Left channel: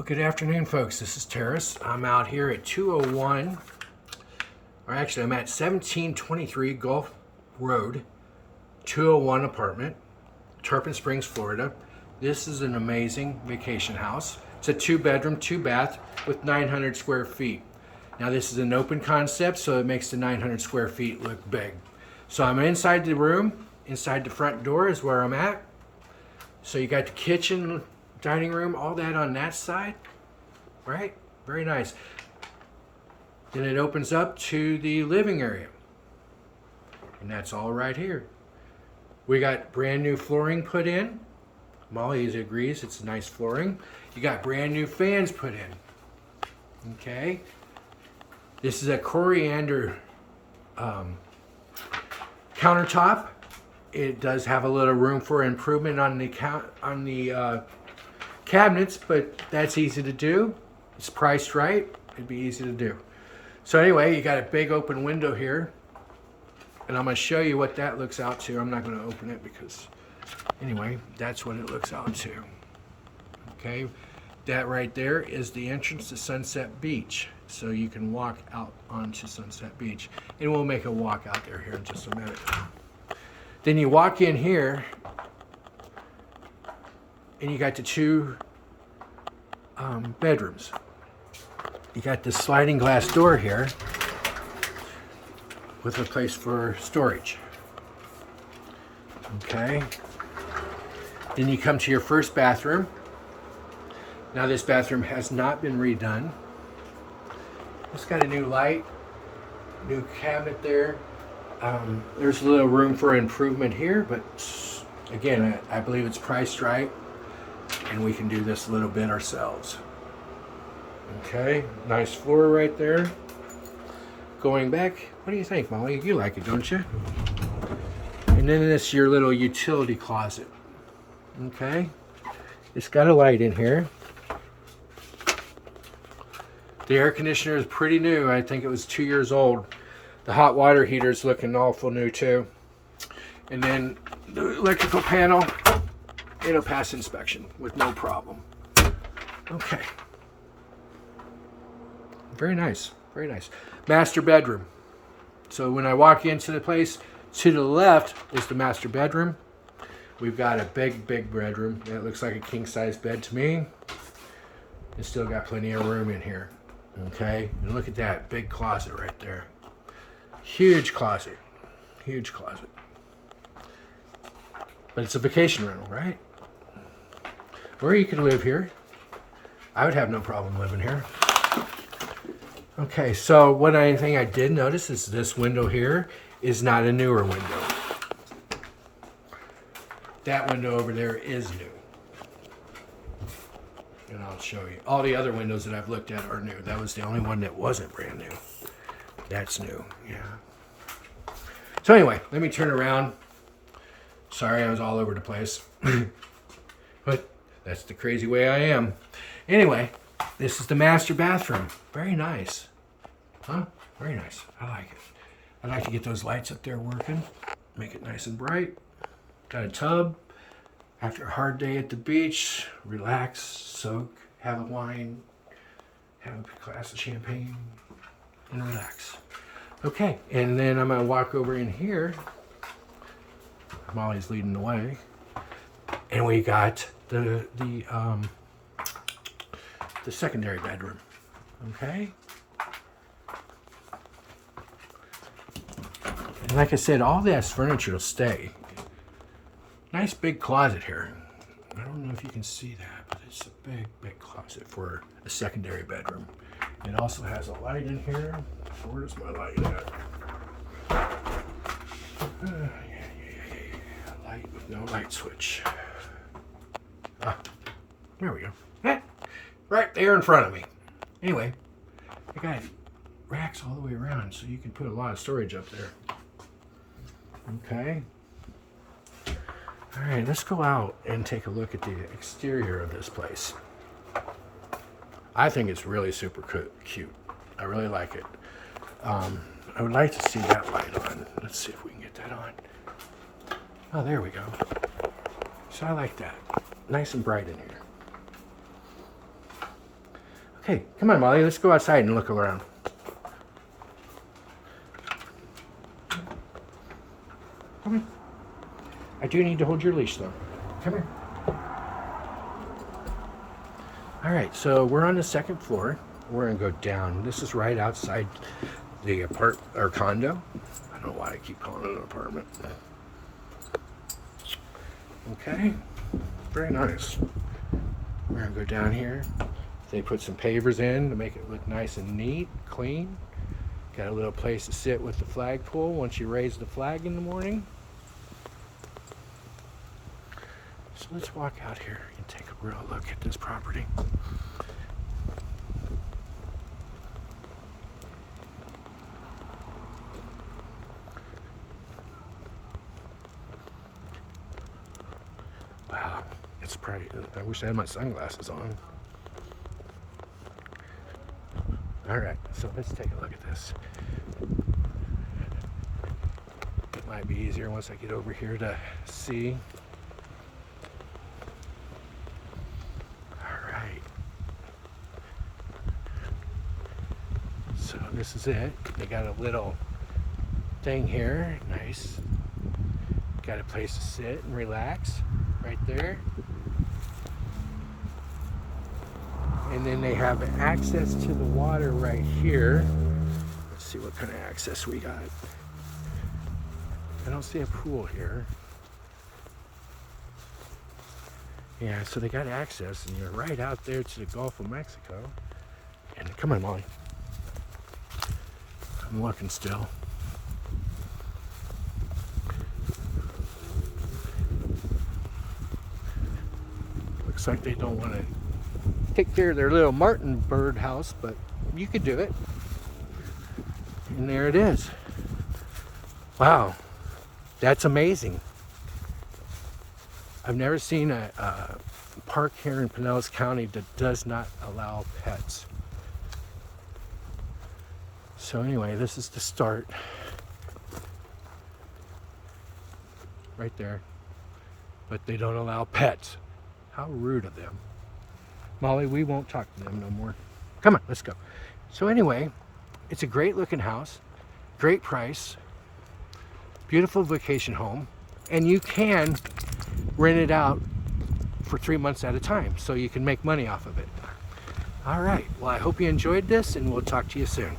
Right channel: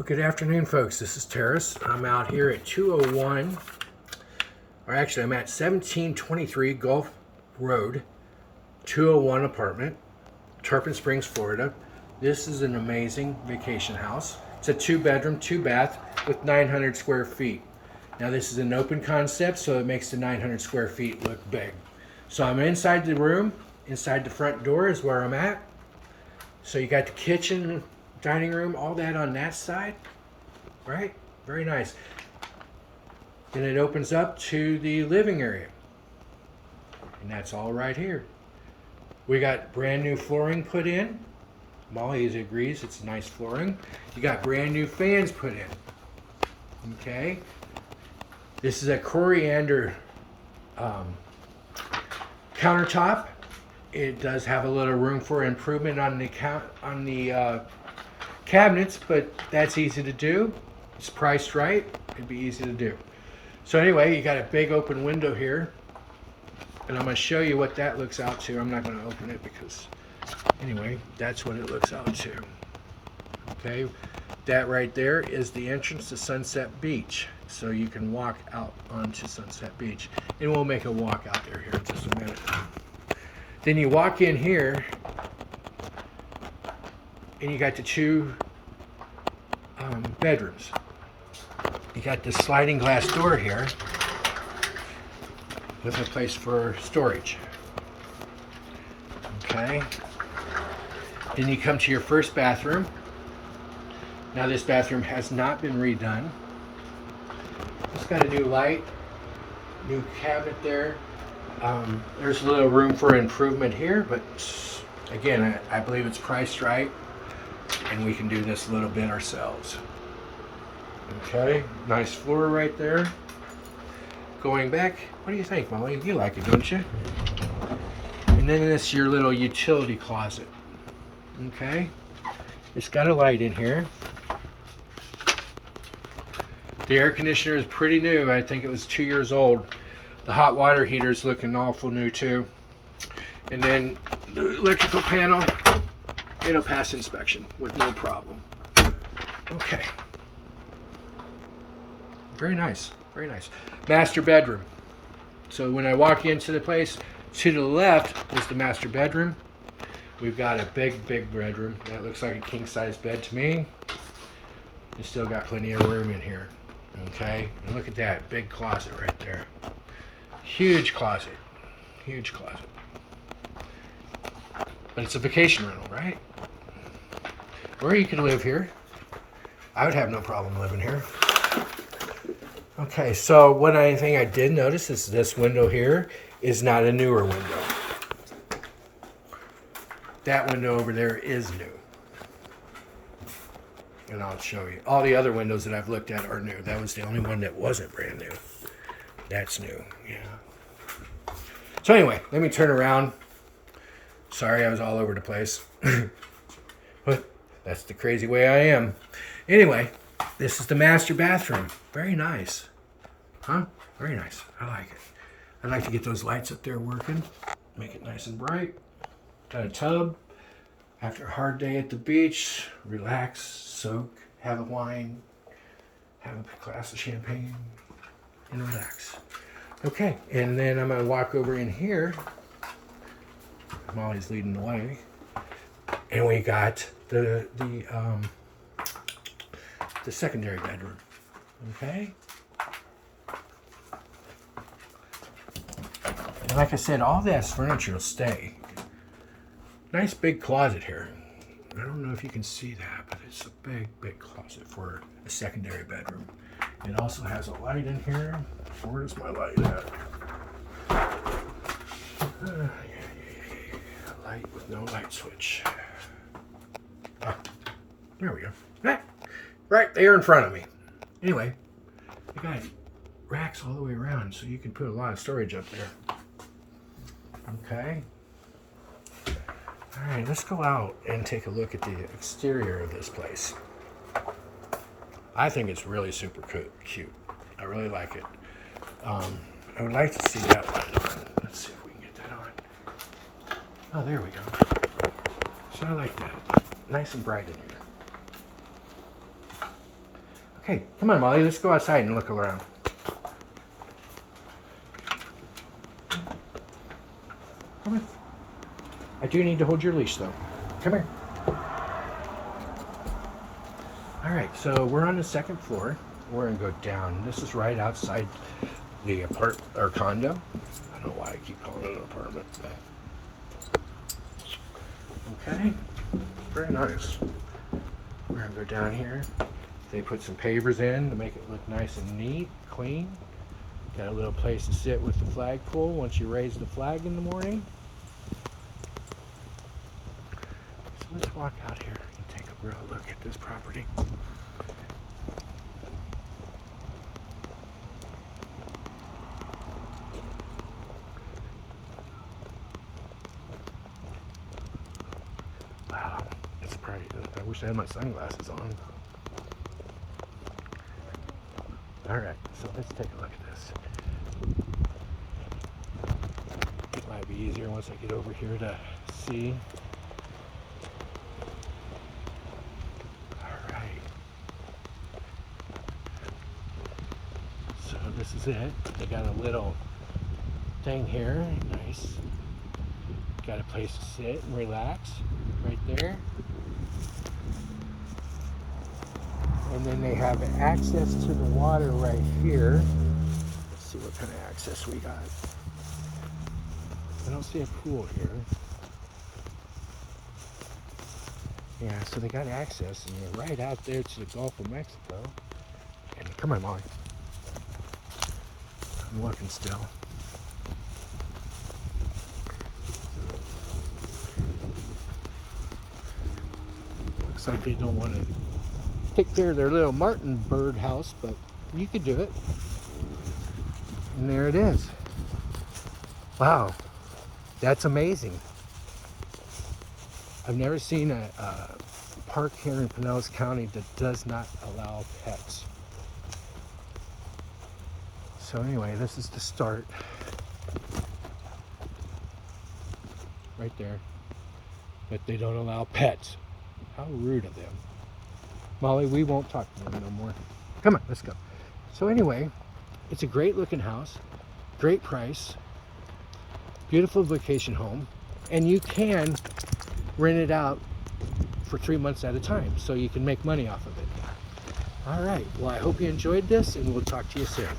Well, good afternoon, folks. This is Terrace. I'm out here at 201, or actually I'm at 1723 Gulf Road, 201 apartment, Tarpon Springs, Florida. This is an amazing vacation house. It's a 2-bedroom, 2-bath with 900 square feet. Now this is an open concept, so it makes the 900 square feet look big. So I'm inside the room. Inside the front door is where I'm at. So you got the kitchen, dining room, all that on that side, right? Very nice. Then it opens up to the living area. And that's all right here. We got brand new flooring put in. Molly agrees it's nice flooring. You got brand new fans put in. Okay. This is a coriander countertop. It does have a little room for improvement on the cabinets, but that's easy to do. It's priced right. It'd be easy to do. So anyway, you got a big open window here, and I'm going to show you what that looks out to. I'm not going to open it because, anyway, that's what it looks out to. Okay, that right there is the entrance to Sunset Beach. So you can walk out onto Sunset Beach, and we'll make a walk out there here in just a minute. Then you walk in here, and you got the 2 bedrooms. You got this sliding glass door here with a place for storage. Okay. Then you come to your first bathroom. Now this bathroom has not been redone. It's got a new light, new cabinet there. There's a little room for improvement here, but again, I believe it's priced right, and we can do this a little bit ourselves. Okay, nice floor right there. Going back, what do you think, Molly? You like it, don't you? And then this is your little utility closet. Okay, it's got a light in here. The air conditioner is pretty new. I think it was 2 years old. The hot water heater is looking awful new too. And then the electrical panel, it'll pass inspection with no problem. Okay. Very nice, very nice. Master bedroom. So when I walk into the place, to the left is the master bedroom. We've got a big bedroom. That looks like a king-size bed to me. It's still got plenty of room in here. Okay, and look at that big closet right there. Huge closet, huge closet. But it's a vacation rental, right? Or you could live here. I would have no problem living here. Okay, so one thing I did notice is this window here is not a newer window. That window over there is new. And I'll show you. All the other windows that I've looked at are new. That was the only one that wasn't brand new. That's new, yeah. So anyway, let me turn around. Sorry, I was all over the place. But that's the crazy way I am. Anyway, this is the master bathroom. Very nice. Huh? Very nice. I like it. I'd like to get those lights up there working. Make it nice and bright. Got a tub. After a hard day at the beach, relax, soak, have a wine, have a glass of champagne, and relax. Okay, and then I'm gonna walk over in here. Molly's leading the way, and we got the secondary bedroom. Okay, and like I said, all this furniture will stay. Nice big closet here. I don't know if you can see that, but it's a big closet for a secondary bedroom. It also has a light in here. Where's my light at? A light with no light switch. Ah, there we go. Right there in front of me. Anyway, I got racks all the way around, so you can put a lot of storage up there. Okay. All right, let's go out and take a look at the exterior of this place. I think it's really super cute. I really like it. I would like to see that light on. Let's see if we can get that on. Oh, there we go. So I like that. Nice and bright in here. Okay, come on, Molly. Let's go outside and look around. Come on. I do need to hold your leash, though. Come here. All right, so we're on the second floor. We're gonna go down. This is right outside the condo. I don't know why I keep calling it an apartment. Okay, very nice. We're gonna go down here. They put some pavers in to make it look nice and neat, clean. Got a little place to sit with the flagpole once you raise the flag in the morning. So let's walk out here and take a real look at this property. Wow, it's pretty. I wish I had my sunglasses on. All right, so let's take a look at this. It might be easier once I get over here to see. All right. So this is it. They got a little thing here, nice. Got a place to sit and relax right there. And then they have access to the water right here. Let's see what kind of access we got. I don't see a pool here. Yeah, so they got access, and you're right out there to the Gulf of Mexico. And come on, Molly. I'm looking still. Looks like they don't want to take care of their little martin bird house, but you could do it. And there it is. Wow, that's amazing. I've never seen a park here in Pinellas County that does not allow pets. So anyway, this is the start. Right there. But they don't allow pets. How rude of them. Molly, we won't talk to them no more. Come on, let's go. So anyway, it's a great looking house, great price, beautiful vacation home, and you can rent it out for 3 months at a time, so you can make money off of it. All right, well, I hope you enjoyed this, and we'll talk to you soon.